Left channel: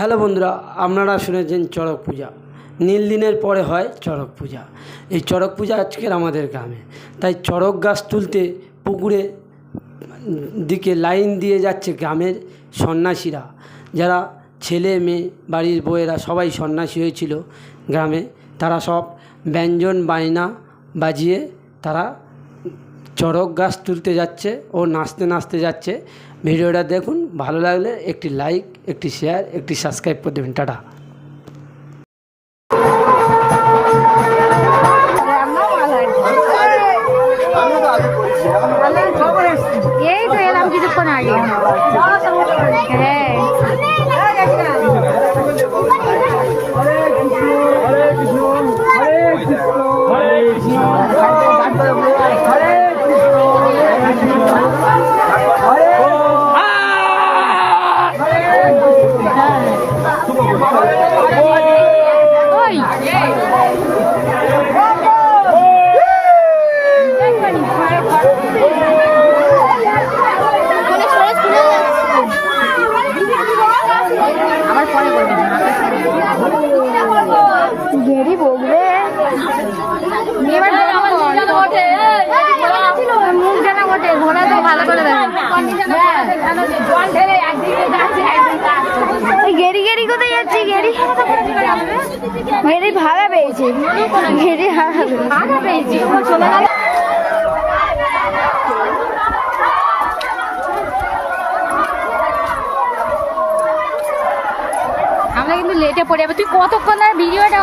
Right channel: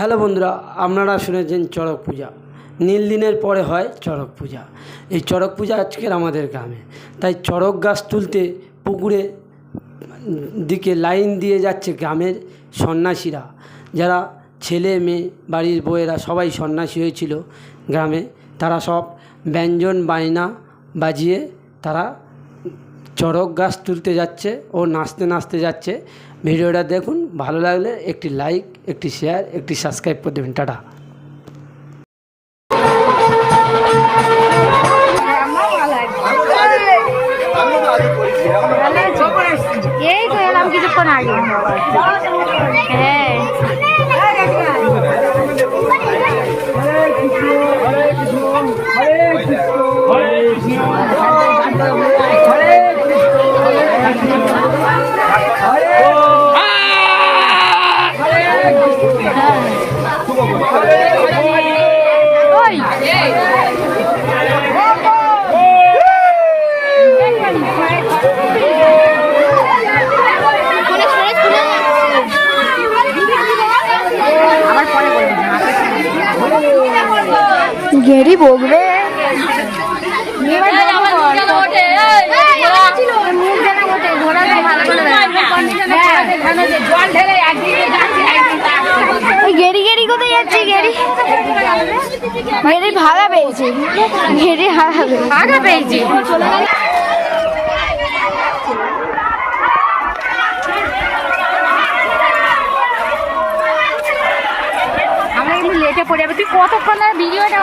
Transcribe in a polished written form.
Hello বন্ধুরা, আপনারা শুনেছেন চড়ক পূজা। নীল দিনের পরে হয় চড়ক পূজা। এই চড়ক পূজা আজকের আমাদের গ্রামে, তাই চড়ক গাছ তুলতে পুকুরে দিকে লাইন দিয়ে যাচ্ছে গ্রামের সন্ন্যাসীরা, যারা ছেলে মেয়ে বাড়ির বউয়েরা সবাই সন্ন্যাসী হয়েছিল গ্রামে। তারা সব ব্যঞ্জন বায়না বাজিয়ে তারা চড়ক গাছ তুলতে যাচ্ছে ও নাচতে নাচতে যাচ্ছে। ভিডিওটা দেখুন, ভালো লাগলে একটি লাইক, একটি শেয়ার, একটি সাবস্ক্রাইব করে দেবেন। টাটা। এই তো এলাম কিছুক্ষণ আগে। হ্যাঁ, গেরি বকবে, মুখ জানা বটে, ঘোরা ভালো করে গেরি গেরি কোথায় যাচ্ছি? গেরি গেরি ভাড়া পেয়েছি, গেরি ভাড়া পেয়েছি। আমরা কিন্তু লেটে পড়ে যাবে। তুই কতক্ষণ ভিডিওটা